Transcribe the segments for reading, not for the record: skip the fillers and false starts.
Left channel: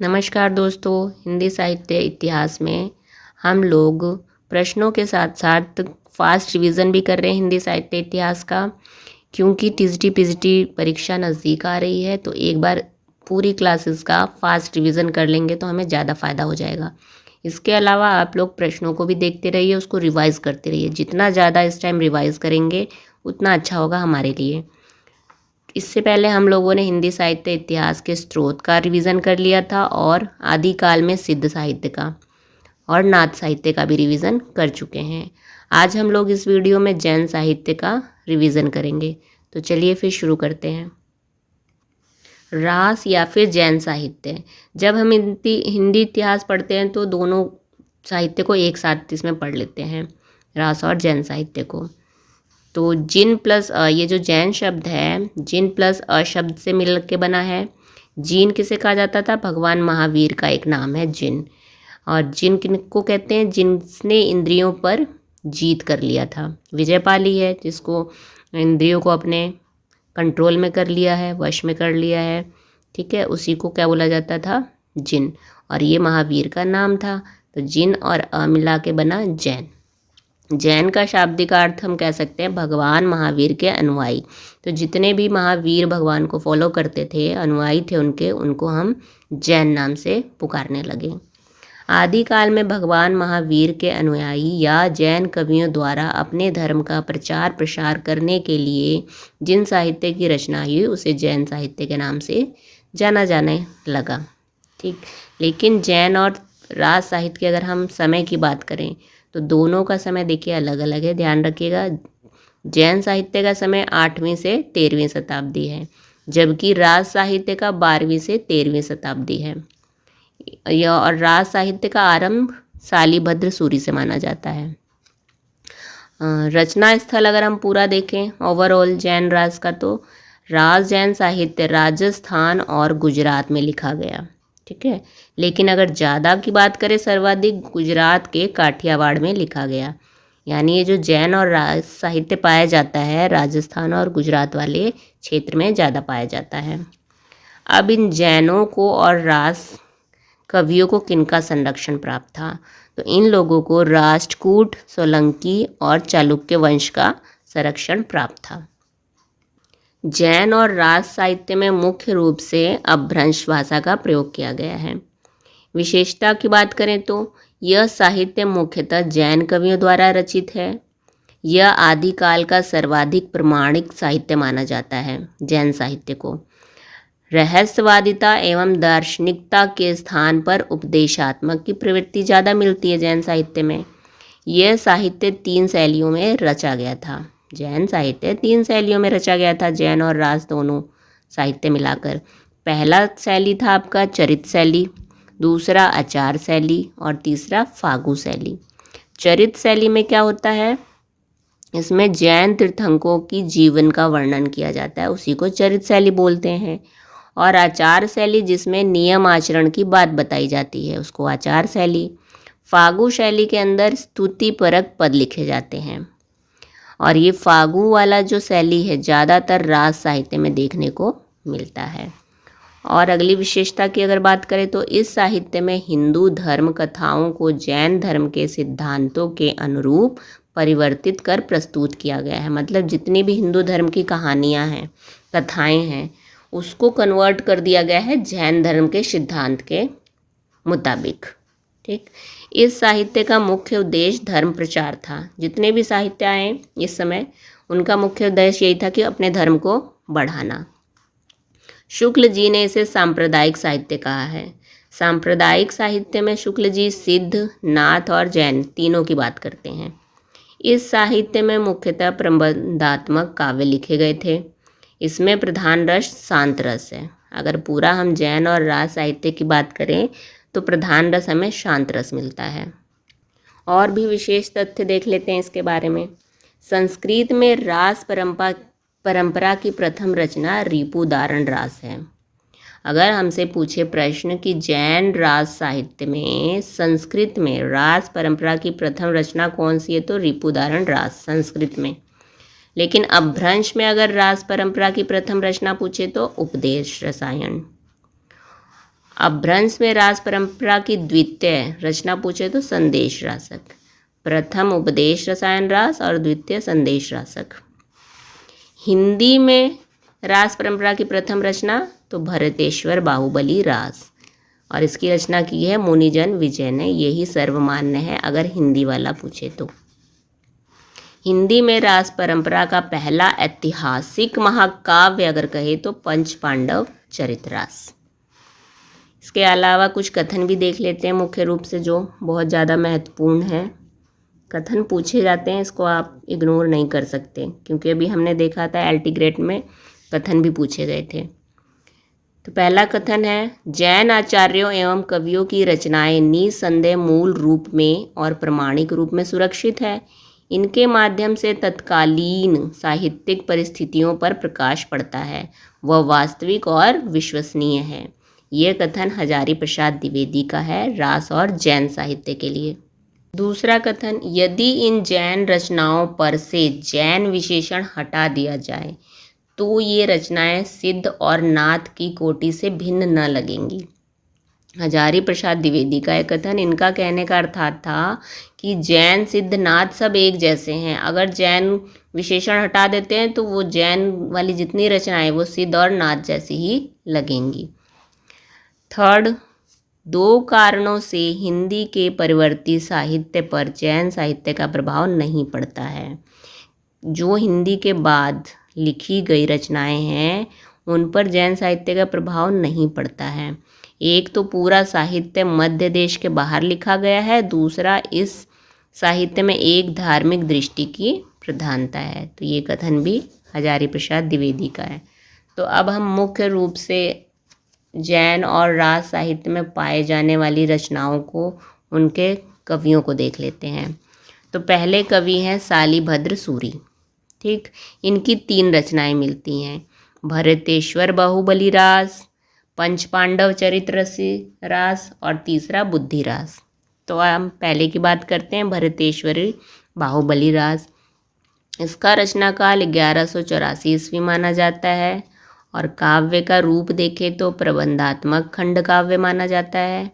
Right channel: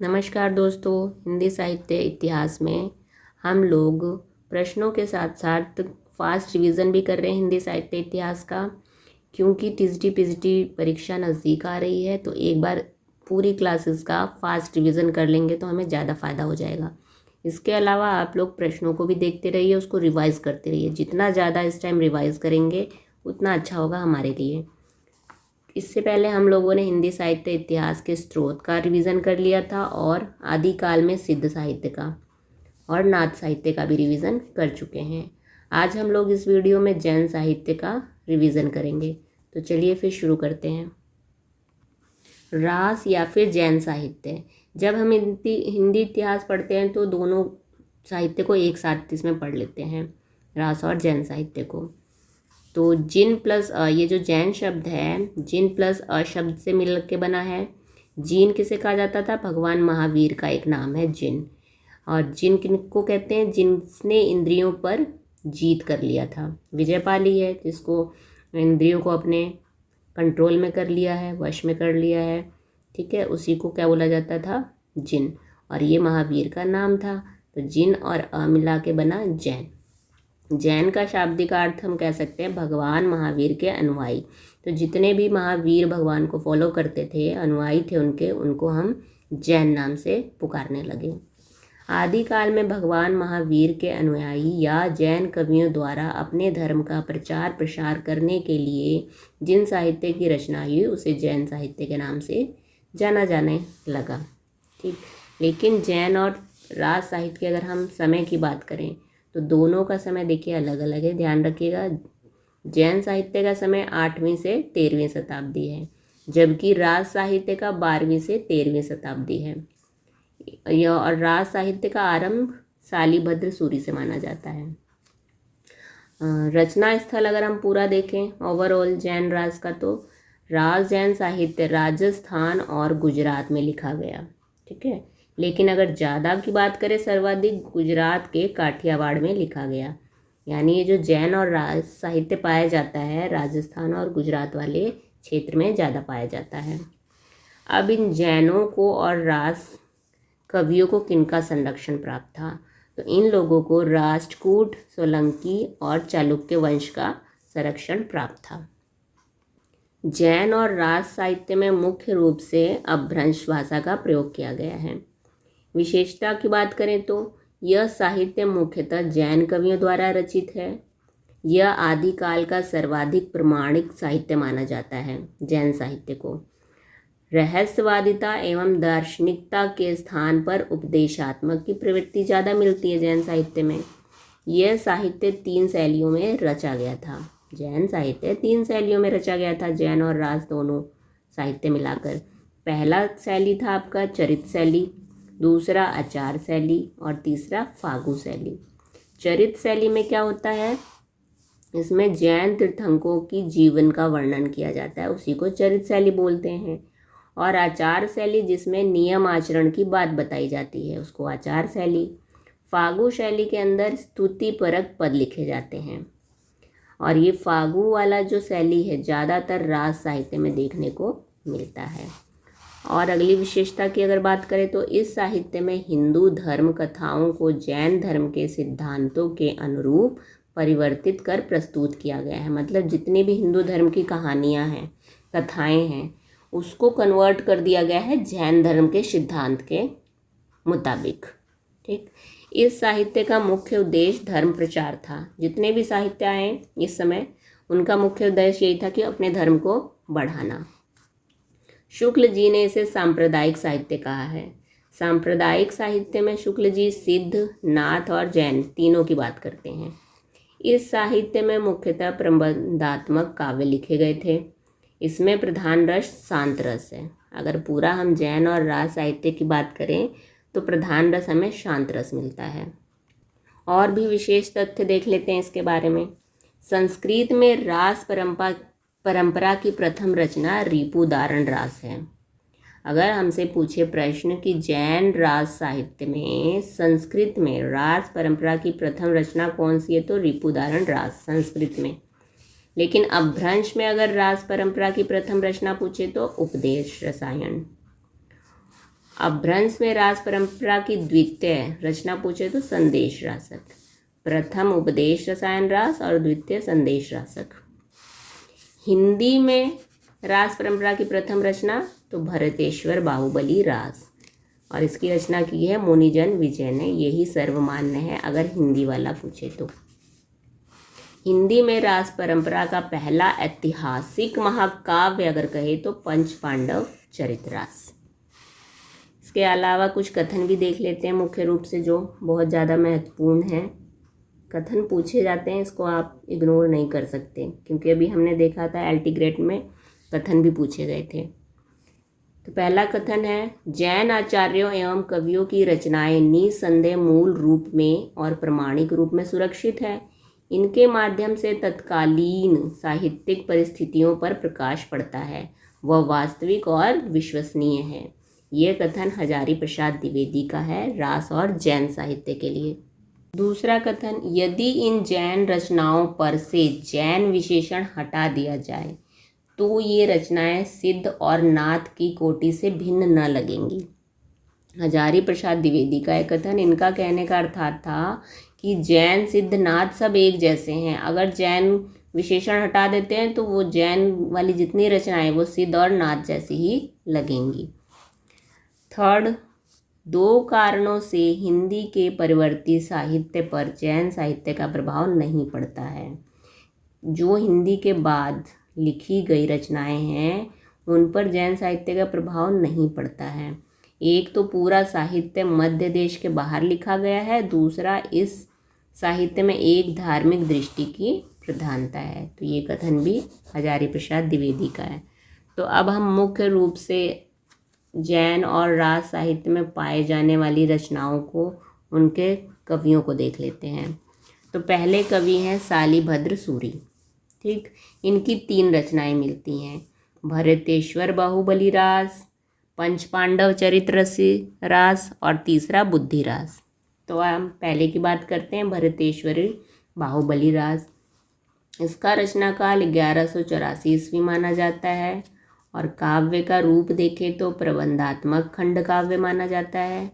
नमस्कार दोस्तों, हिंदी साहित्य इतिहास में हम लोग प्रश्नों के साथ साथ फास्ट रिवीजन भी कर रहे हैं हिंदी साहित्य इतिहास का। क्योंकि टीजीटी पीजीटी परीक्षा नज़दीक आ रही है तो एक बार पूरी क्लासेस का फास्ट रिवीजन कर लेंगे तो हमें ज़्यादा फ़ायदा हो जाएगा। इसके अलावा आप लोग प्रश्नों को भी देखते रहिए, उसको रिवाइज़ करते रहिए। जितना ज़्यादा इस टाइम रिवाइज़ करेंगे उतना अच्छा होगा हमारे लिए। इससे पहले हम लोगों ने हिंदी साहित्य इतिहास के स्रोत का रिवीजन कर लिया था और आदिकाल में सिद्ध साहित्य का और नाथ साहित्य का भी रिवीजन कर चुके हैं। आज हम लोग इस वीडियो में जैन साहित्य का रिवीजन करेंगे। तो चलिए फिर शुरू करते हैं। रास या फिर जैन साहित्य। जब हम हिंदी इतिहास पढ़ते हैं तो दोनों साहित्य को एक साथ इसमें पढ़ लेते हैं, रास और जैन साहित्य को। तो जिन प्लस ये जो जैन शब्द है, जिन प्लस शब्द से मिल के बना है। जिन किसे कहा जाता था? भगवान महावीर का एक नाम है जिन। और जिन किनको कहते हैं? जिसने इंद्रियों पर जीत कर लिया था। विजय पा ली है, जिसको इंद्रियों को अपने कंट्रोल में कर लिया है, वश में कर लिया है। ठीक है, उसी को क्या बोला जाता था? जिन। और ये महावीर का नाम था। तो जिन और मिला के बना जैन। जैन का शाब्दिक अर्थ हम कह सकते हैं भगवान महावीर के अनुयायी। तो जितने भी महावीर भगवान को फॉलो करते थे, अनुयायी थे उनके, उनको हम जैन नाम से पुकारने लगे। आदिकाल में भगवान महावीर के अनुयायी या जैन कवियों द्वारा अपने धर्म का प्रचार प्रसार करने के लिए जिन साहित्य की रचना हुई उसे जैन साहित्य के नाम से जाना जाने लगा। ठीक, लेकिन जैन और राज साहित्य की अगर हम समय की बात करें तो दोनों का समय देखिए अलग अलग है। ध्यान रखिएगा, जैन साहित्य का समय 8वीं से 13वीं शताब्दी है, जबकि राज साहित्य का 12वीं से 13वीं शताब्दी है। यह और राज साहित्य का आरंभ शालिभद्र सूरी से माना जाता है। रचना स्थल अगर हम पूरा देखें ओवरऑल जैन राज का, तो राज जैन साहित्य राजस्थान और गुजरात में लिखा गया। ठीक है, लेकिन अगर ज़्यादा की बात करें सर्वाधिक गुजरात के काठियावाड़ में लिखा गया। यानी ये जो जैन और राज साहित्य पाया जाता है राजस्थान और गुजरात वाले क्षेत्र में ज़्यादा पाया जाता है। अब इन जैनों को और राज कवियों को किनका संरक्षण प्राप्त था? तो इन लोगों को राष्ट्रकूट, सोलंकी और चालुक्य वंश का संरक्षण प्राप्त था। जैन और राज साहित्य में मुख्य रूप से अपभ्रंश भाषा का प्रयोग किया गया है। विशेषता की बात करें तो यह साहित्य मुख्यतः जैन कवियों द्वारा रचित है। यह आदिकाल का सर्वाधिक प्रमाणिक साहित्य माना जाता है। जैन साहित्य को रहस्यवादिता एवं दार्शनिकता के स्थान पर उपदेशात्मक की प्रवृत्ति ज़्यादा मिलती है जैन साहित्य में। यह साहित्य 3 शैलियों में रचा गया था। जैन साहित्य 3 शैलियों में रचा गया था, जैन और राज दोनों साहित्य मिलाकर। पहला शैली था आपका चरित शैली, दूसरा आचार शैली और तीसरा फागु शैली। चरित शैली में क्या होता है? इसमें जैन तीर्थंकरों की जीवन का वर्णन किया जाता है, उसी को चरित शैली बोलते हैं। और आचार शैली जिसमें नियम आचरण की बात बताई जाती है, उसको आचार शैली। फागु शैली के अंदर स्तुतिपरक पद लिखे जाते हैं। और ये फागु वाला जो शैली है ज़्यादातर राज साहित्य में देखने को मिलता है। और अगली विशेषता की अगर बात करें तो इस साहित्य में हिंदू धर्म कथाओं को जैन धर्म के सिद्धांतों के अनुरूप परिवर्तित कर प्रस्तुत किया गया है। मतलब जितनी भी हिंदू धर्म की कहानियाँ हैं, कथाएँ हैं, उसको कन्वर्ट कर दिया गया है जैन धर्म के सिद्धांत के मुताबिक। ठीक, इस साहित्य का मुख्य उद्देश्य धर्म प्रचार था। जितने भी साहित्य आए इस समय, उनका मुख्य उद्देश्य यही था कि अपने धर्म को बढ़ाना। शुक्ल जी ने इसे सांप्रदायिक साहित्य कहा है। सांप्रदायिक साहित्य में शुक्ल जी सिद्ध, नाथ और जैन तीनों की बात करते हैं। इस साहित्य में मुख्यतः प्रबंधात्मक काव्य लिखे गए थे। इसमें प्रधान रस शांत रस है। अगर पूरा हम जैन और राज साहित्य की बात करें तो प्रधान रस हमें शांत रस मिलता है। और भी विशेष तथ्य देख लेते हैं इसके बारे में। संस्कृत में रास परंपरा की प्रथम रचना रिपुदारण रास है। अगर हमसे पूछे प्रश्न कि जैन राज साहित्य में संस्कृत में रास परंपरा की प्रथम रचना कौन सी है, तो रिपुदारण रास संस्कृत में। लेकिन अपभ्रंश में अगर रास परंपरा की प्रथम रचना पूछे तो उपदेश रसायन। अपभ्रंश में रास परंपरा की द्वितीय रचना पूछे तो संदेश रासक, प्रथम उपदेश रसायन रास और द्वितीय संदेश रासक। हिंदी में रास परंपरा की प्रथम रचना तो भरतेश्वर बाहुबली रास, और इसकी रचना की है मुनिजन विजय ने, यही सर्वमान्य है अगर हिंदी वाला पूछे तो। हिंदी में रास परंपरा का पहला ऐतिहासिक महाकाव्य अगर कहे तो पंच पांडव चरितरास। इसके अलावा कुछ कथन भी देख लेते हैं मुख्य रूप से, जो बहुत ज़्यादा महत्वपूर्ण है। कथन पूछे जाते हैं, इसको आप इग्नोर नहीं कर सकते, क्योंकि अभी हमने देखा था एल्टीग्रेट में कथन भी पूछे गए थे। तो पहला कथन है, जैन आचार्यों एवं कवियों की रचनाएं निसंदेह मूल रूप में और प्रमाणिक रूप में सुरक्षित है। इनके माध्यम से तत्कालीन साहित्यिक परिस्थितियों पर प्रकाश पड़ता है, वह वास्तविक और विश्वसनीय है। यह कथन हजारी प्रसाद द्विवेदी का है, रास और जैन साहित्य के लिए। दूसरा कथन, यदि इन जैन रचनाओं पर से जैन विशेषण हटा दिया जाए तो ये रचनाएं सिद्ध और नाथ की कोटि से भिन्न न लगेंगी। हजारी प्रसाद द्विवेदी का एक कथन, इनका कहने का अर्थात था कि जैन सिद्ध नाथ सब एक जैसे हैं, अगर जैन विशेषण हटा देते हैं तो वो जैन वाली जितनी रचनाएं वो सिद्ध और नाथ जैसी ही लगेंगी। थर्ड, दो कारणों से हिंदी के परिवर्ती साहित्य पर जैन साहित्य का प्रभाव नहीं पड़ता है। जो हिंदी के बाद लिखी गई रचनाएं हैं उन पर जैन साहित्य का प्रभाव नहीं पड़ता है। एक तो पूरा साहित्य मध्य देश के बाहर लिखा गया है, दूसरा इस साहित्य में एक धार्मिक दृष्टि की प्रधानता है। तो ये कथन भी हजारी प्रसाद द्विवेदी का है। तो अब हम मुख्य रूप से जैन और रास साहित्य में पाए जाने वाली रचनाओं को, उनके कवियों को देख लेते हैं। तो पहले कवि हैं शालिभद्र सूरी। ठीक, इनकी 3 रचनाएं मिलती हैं, भरतेश्वर बाहुबली रास, पंच पांडव चरित्र रास और तीसरा बुद्धि रास। तो हम पहले की बात करते हैं, भरतेश्वरी बाहुबली रास। इसका रचना काल 1184 ईस्वी माना जाता है और काव्य का रूप देखें तो प्रबंधात्मक खंड काव्य माना जाता है।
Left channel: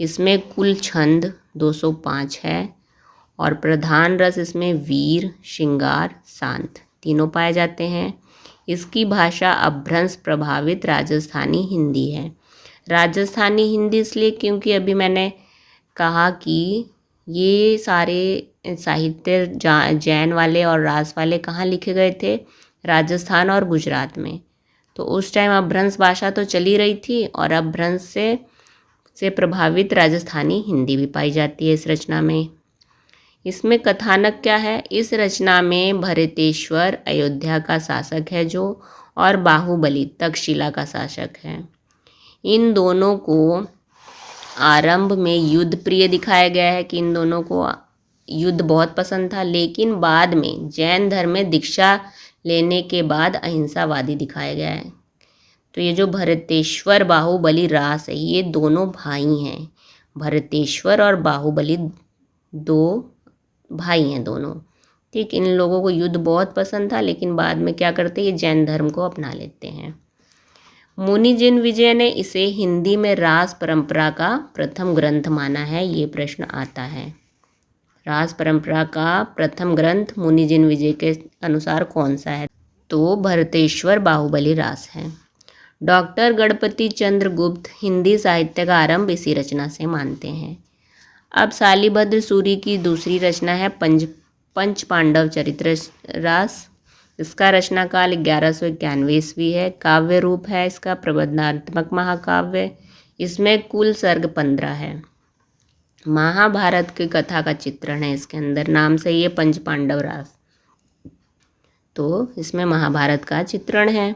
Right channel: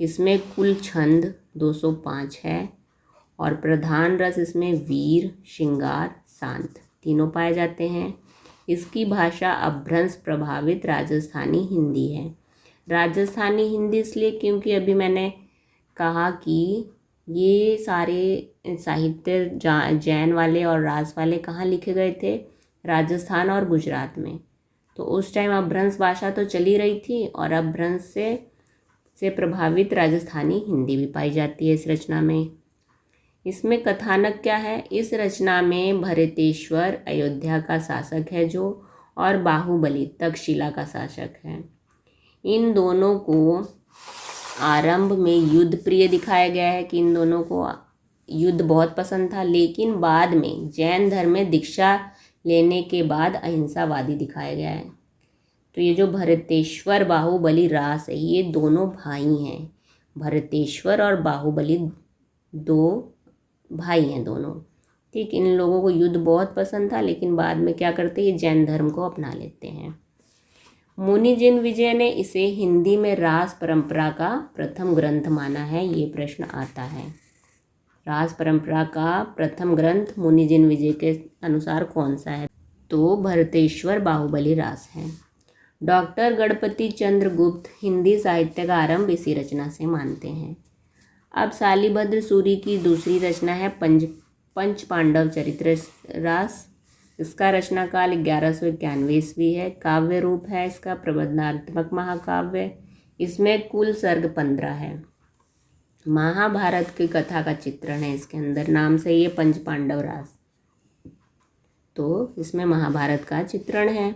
इसमें कुल छंद 205 है और प्रधान रस इसमें वीर, श्रृंगार, शांत तीनों पाए जाते हैं। इसकी भाषा अपभ्रंश प्रभावित राजस्थानी हिंदी है। राजस्थानी हिंदी इसलिए क्योंकि अभी मैंने कहा कि ये सारे साहित्य जैन वाले और रास वाले कहाँ लिखे गए थे, राजस्थान और गुजरात में। तो उस टाइम अपभ्रंश भाषा तो चली रही थी और अपभ्रंश से प्रभावित राजस्थानी हिंदी भी पाई जाती है इस रचना में। इसमें कथानक क्या है, इस रचना में भरतेश्वर अयोध्या का शासक है जो, और बाहुबली तक्षशिला का शासक है। इन दोनों को आरंभ में युद्ध प्रिय दिखाया गया है कि इन दोनों को युद्ध बहुत पसंद था, लेकिन बाद में जैन धर्म में दीक्षा लेने के बाद अहिंसावादी दिखाया गया है। तो ये जो भरतेश्वर बाहुबली रास है, ये दोनों भाई हैं। भरतेश्वर और बाहुबली 2 भाई हैं दोनों। ठीक, इन लोगों को युद्ध बहुत पसंद था, लेकिन बाद में क्या करते हैं, ये जैन धर्म को अपना लेते हैं। मुनिजन विजय ने इसे हिंदी में रास परंपरा का प्रथम ग्रंथ माना है। ये प्रश्न आता है, रास परंपरा का प्रथम ग्रंथ मुनिजन विजय के अनुसार कौन सा है? तो भरतेश्वर बाहुबली रास है। डॉक्टर गणपति चंद्र गुप्त हिंदी साहित्य का आरंभ इसी रचना से मानते हैं। अब शालिभद्र सूरी की दूसरी रचना है पंच पांडव चरित्र रास। इसका रचना काल 1191 ईस्वी है। काव्य रूप है इसका प्रबंधात्मक महाकाव्य। इसमें कुल सर्ग 15 है। महाभारत की कथा का चित्रण है इसके अंदर, नाम से ये पंच पांडव रास। तो इसमें महाभारत का चित्रण है।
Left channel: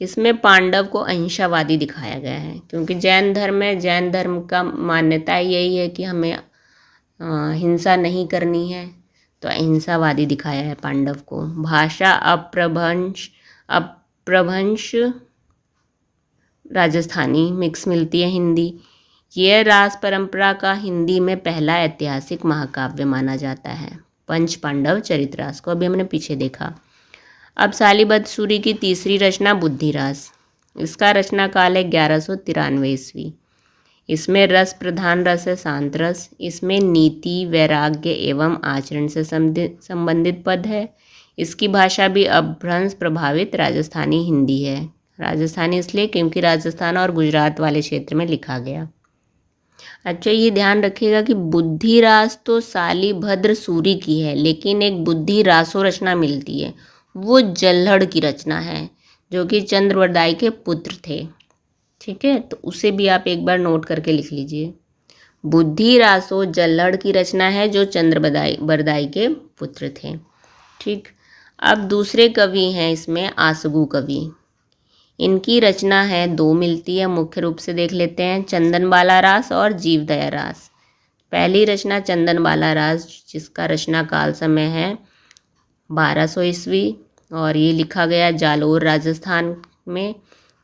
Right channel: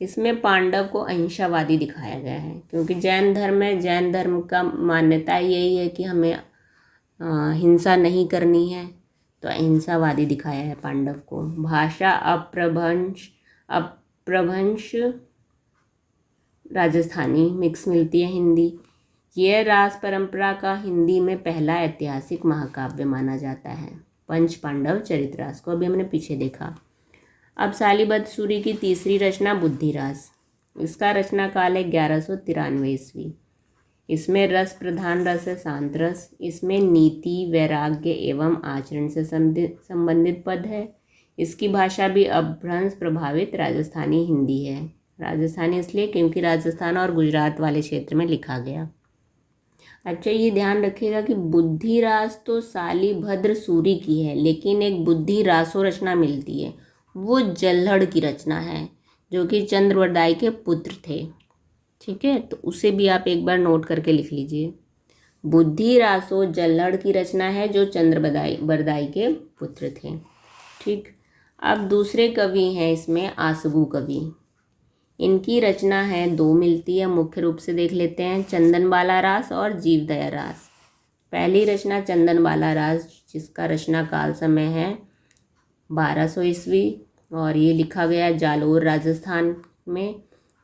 इसमें पांडव को अहिंसावादी दिखाया गया है, क्योंकि जैन धर्म का मान्यता यही है कि हमें हिंसा नहीं करनी है, तो अहिंसावादी दिखाया है पांडव को। भाषा अपभ्रंश राजस्थानी मिक्स मिलती है हिंदी। यह रास परंपरा का हिंदी में पहला ऐतिहासिक महाकाव्य माना जाता है, पंच पांडव चरितरास को अभी हमने पीछे देखा। अब शालिभद्र सूरी की तीसरी रचना बुद्धि रास। इसका रचना काल है 1193 ईस्वी। इसमें रस प्रधान रस है शांत रस। इसमें नीति, वैराग्य एवं आचरण से संबंधित पद है। इसकी भाषा भी अपभ्रंश प्रभावित राजस्थानी हिंदी है। राजस्थानी इसलिए क्योंकि राजस्थान और गुजरात वाले क्षेत्र में लिखा गया। अच्छा, ये ध्यान रखिएगा कि बुद्धि रास तो शालिभद्र सूरी की है, लेकिन एक बुद्धि रासो रचना मिलती है, वो जल्हड़ की रचना है, जो कि चंद्रवरदाई के पुत्र थे। ठीक है, तो उसे भी आप एक बार नोट करके लिख लीजिए। बुद्धि रासो जल्हड़ की रचना है, जो चंद्रवरदाई के पुत्र थे। ठीक, अब दूसरे कवि हैं इसमें आसगु कवि। इनकी रचना है दो मिलती है, मुख्य रूप से देख लेते हैं, चंदनबाला रास और जीवदया रास। पहली रचना चंदनबाला रास, जिसका रचना काल समय है 1200 ईस्वी और ये लिखा गया जालोर राजस्थान में।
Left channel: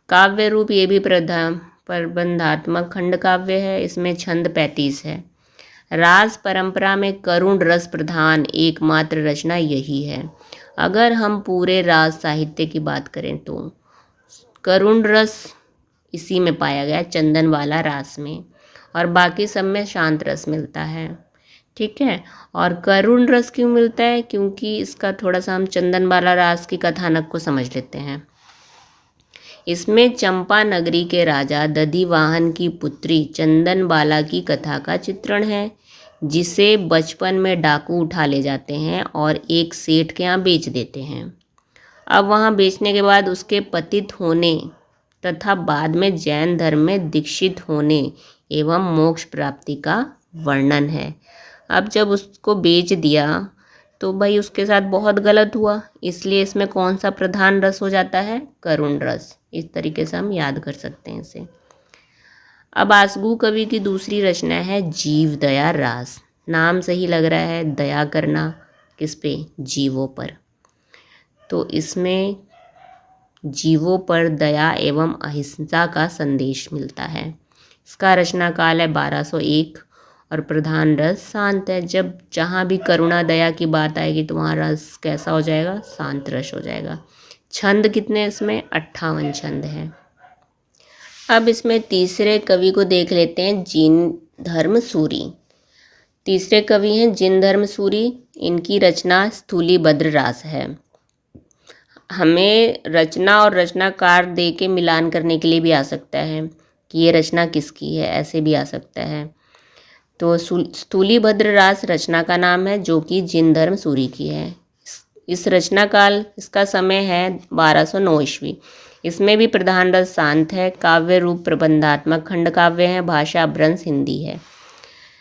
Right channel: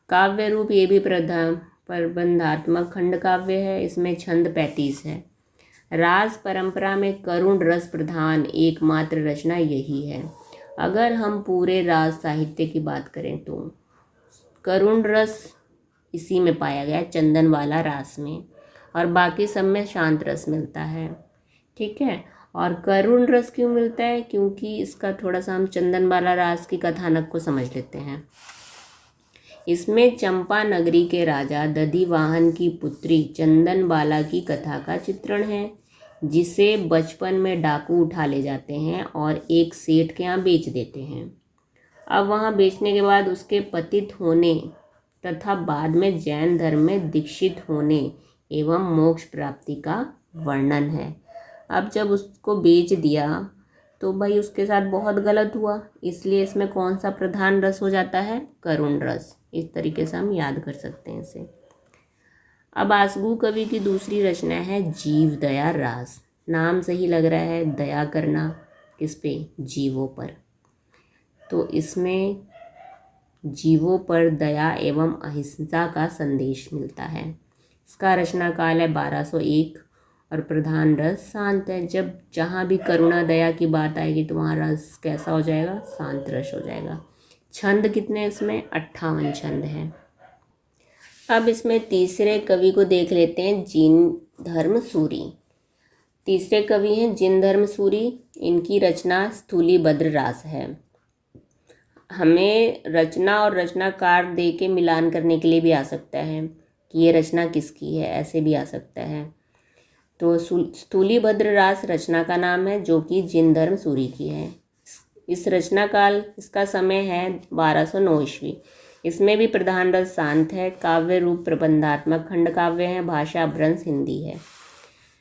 काव्य रूप ये भी प्रबंधात्मक खंड काव्य है। इसमें छंद 35 है। रास परंपरा में करुण रस प्रधान एकमात्र रचना यही है। अगर हम पूरे रास साहित्य की बात करें तो करुण रस इसी में पाया गया, चंदनवाला रास में, और बाकी सब में शांत रस मिलता है। ठीक है, और करुण रस क्यों मिलता है? क्योंकि इसका थोड़ा सा हम चंदनवाला रास की कथानक को समझ लेते हैं। इसमें चंपा नगरी के राजा दधिवाहन की पुत्री चंदनबाला की कथा का चित्रण है, जिसे बचपन में डाकू उठा ले जाते हैं और एक सेठ के यहाँ बेच देते हैं। अब वहाँ बेचने के बाद उसके पतित होने तथा बाद में जैन धर्म में दीक्षित होने एवं मोक्ष प्राप्ति का वर्णन है। अब जब उसको बेच दिया तो भाई उसके साथ बहुत गलत हुआ, इसलिए इसमें कौन सा प्रधान रस हो जाता है? करुण रस। इस तरीके से हम याद कर सकते हैं इसे। अब आसगु कवि की दूसरी रचना है जीवदया रास। नाम से ही लग रहा है दया करना, किस पे? जीवों पर। तो इसमें जीवों पर दया एवं अहिंसा का संदेश मिलता है। इसका रचना काल है 1201 और प्रधान रस शांत है। जब जहाँ भी करुणा दया की बात आएगी तो वहाँ रस कैसा हो जाएगा? शांत रस हो जाएगा। छंद कितने इसमें? 58 छंद हैं। अब इसमें तीसरे कवि को देख लेते हैं, जिनधर्म सूरी। तीसरे कवि हैं जिनधर्म सूरी। इनकी रचना स्थूलीभद्र रास है। हमें रचना और रचनाकार दे के मिलान करने के लिए भी आ सकता है कि ये रचना किसकी है, ऐसे भी आ सकता है। तो स्थूलीभद्र रास रचना का नाम है, जो कि जिनधर्म सूरी की है। इस रचना काल, इसका समय है 1209 ईस्वी। इसमें भी प्रधान रस शांत है। काव्य रूप प्रबंधात्मक खंड काव्य है। भाषा अपभ्रंश हिंदी है।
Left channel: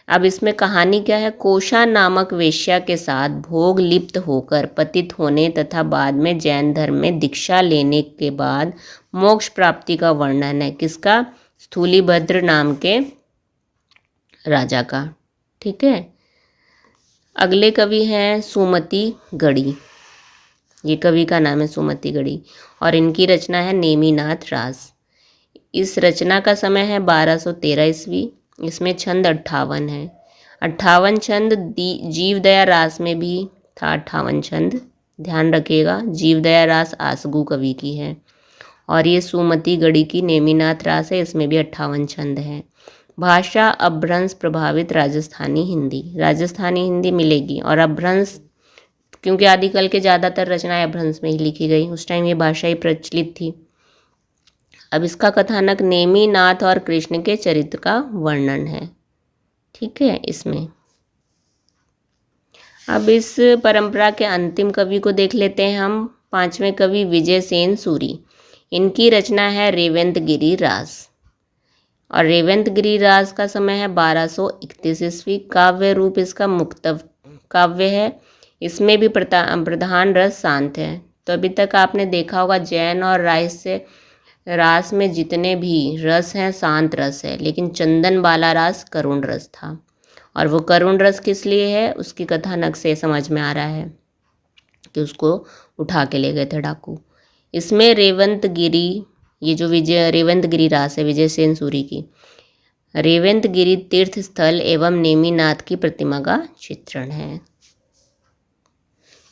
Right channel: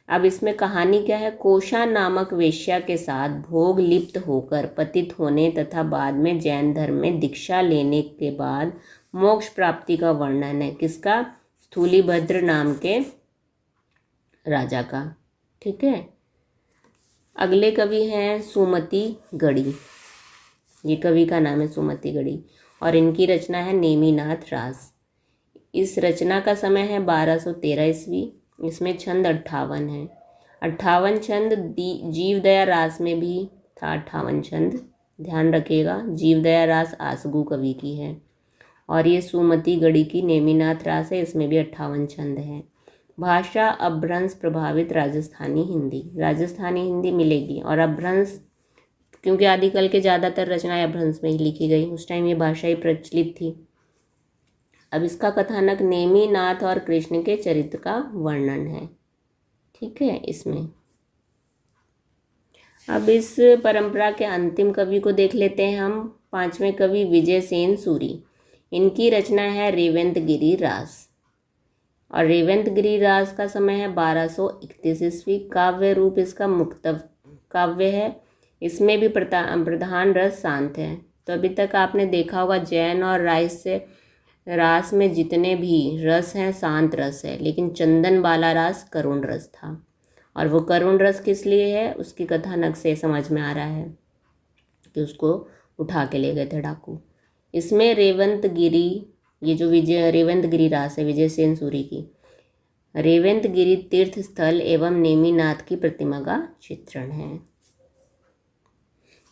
अब इसमें कहानी क्या है? कोशा नामक वेश्या के साथ भोग लिप्त होकर पतित होने तथा बाद में जैन धर्म में दीक्षा लेने के बाद मोक्ष प्राप्ति का वर्णन है। किसका? स्थूलीभद्र नाम के राजा का। ठीक है, अगले कवि हैं सुमति गढ़ी। ये कवि का नाम है सुमति गढ़ी और इनकी रचना है नेमिनाथ रास। इस रचना का समय है 1213 ईस्वी। इसमें छंद 58 है। 58 छंद जीवदया रास में भी था। 58 छंद ध्यान रखिएगा। जीवदया रास आसगु कवि की है और ये सुमति गढ़ी की नेमिनाथ रास है। इसमें भी 58 छंद हैं। भाषा अपभ्रंश प्रभावित राजस्थानी हिंदी। राजस्थानी हिंदी मिलेगी और अपभ्रंश, क्योंकि आदिकाल के ज़्यादातर रचनाएं अपभ्रंश में ही लिखी गई। उस टाइम ये भाषा ही प्रचलित थी। अब इसका कथानक नेमिनाथ और कृष्ण के चरित्र का वर्णन है। ठीक है, इसमें अब इस परंपरा के अंतिम कवि को देख लेते हैं हम। पांचवें कवि विजयसेन सूरी। इनकी रचना है रेवंतगिरी रास और रेवंतगिरी रास का समय है 1231 ईस्वी। काव्य रूप इसका मुक्तव काव्य है। इसमें भी प्रधान रस शांत है। तो अभी तक आपने देखा होगा जैन और रास में जितने भी रस हैं शांत रस है, लेकिन चंदनबाला रास करुण रस था। और वो करुण रस किस लिए है? उसकी कथानक से समझ में आ रहा है कि उसको उठा के ले गए थे डाकू। इसमें रेवंतगिरी, ये जो रेवंतगिरी रास है विजयसेन सूरी की, रेवंतगिरी तीर्थ स्थल एवं नेमिनाथ की प्रतिमा का चित्रण है।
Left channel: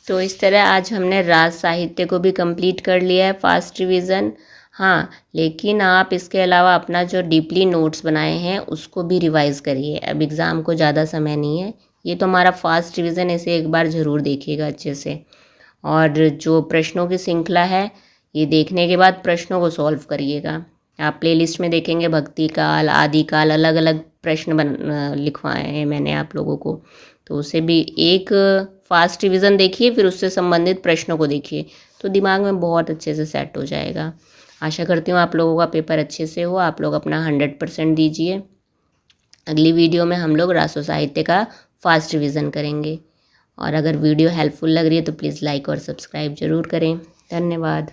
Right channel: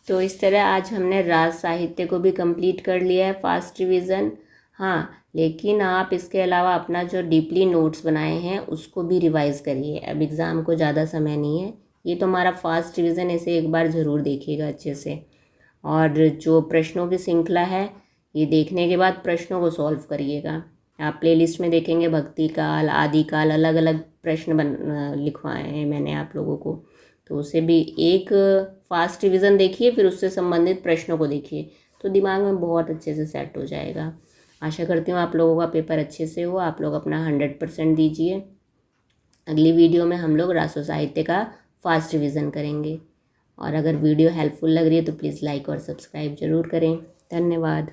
तो इस तरह आज हमने राज साहित्य को भी कंप्लीट कर लिया है। फास्ट रिवीजन हाँ, लेकिन आप इसके अलावा अपना जो डीपली नोट्स बनाए हैं उसको भी रिवाइज़ करिए। अब एग्ज़ाम को ज़्यादा समय नहीं है, ये तो हमारा फास्ट रिवीजन, इसे एक बार ज़रूर देखिएगा अच्छे से। और जो प्रश्नों की श्रृंखला है, ये देखने के बाद प्रश्नों को सॉल्व करिएगा। आप प्लेलिस्ट में देखेंगे भक्ति काल, आदि काल, अलग अलग प्रश्न लिखवाए हैं मैंने आप लोगों को, तो उसे भी एक फास्ट रिवीजन देखिए, फिर उससे संबंधित प्रश्नों को देखिए, तो दिमाग में बहुत अच्छे से सेट हो जाएगा। आशा करती हूँ आप लोगों का पेपर अच्छे से हो, आप लोग अपना 100% दीजिए। अगली वीडियो में हम लोग रासो साहित्य का फास्ट रिवीजन करेंगे। और अगर वीडियो हेल्पफुल लग रही है तो प्लीज़ लाइक और सब्सक्राइब ज़रूर करें। धन्यवाद।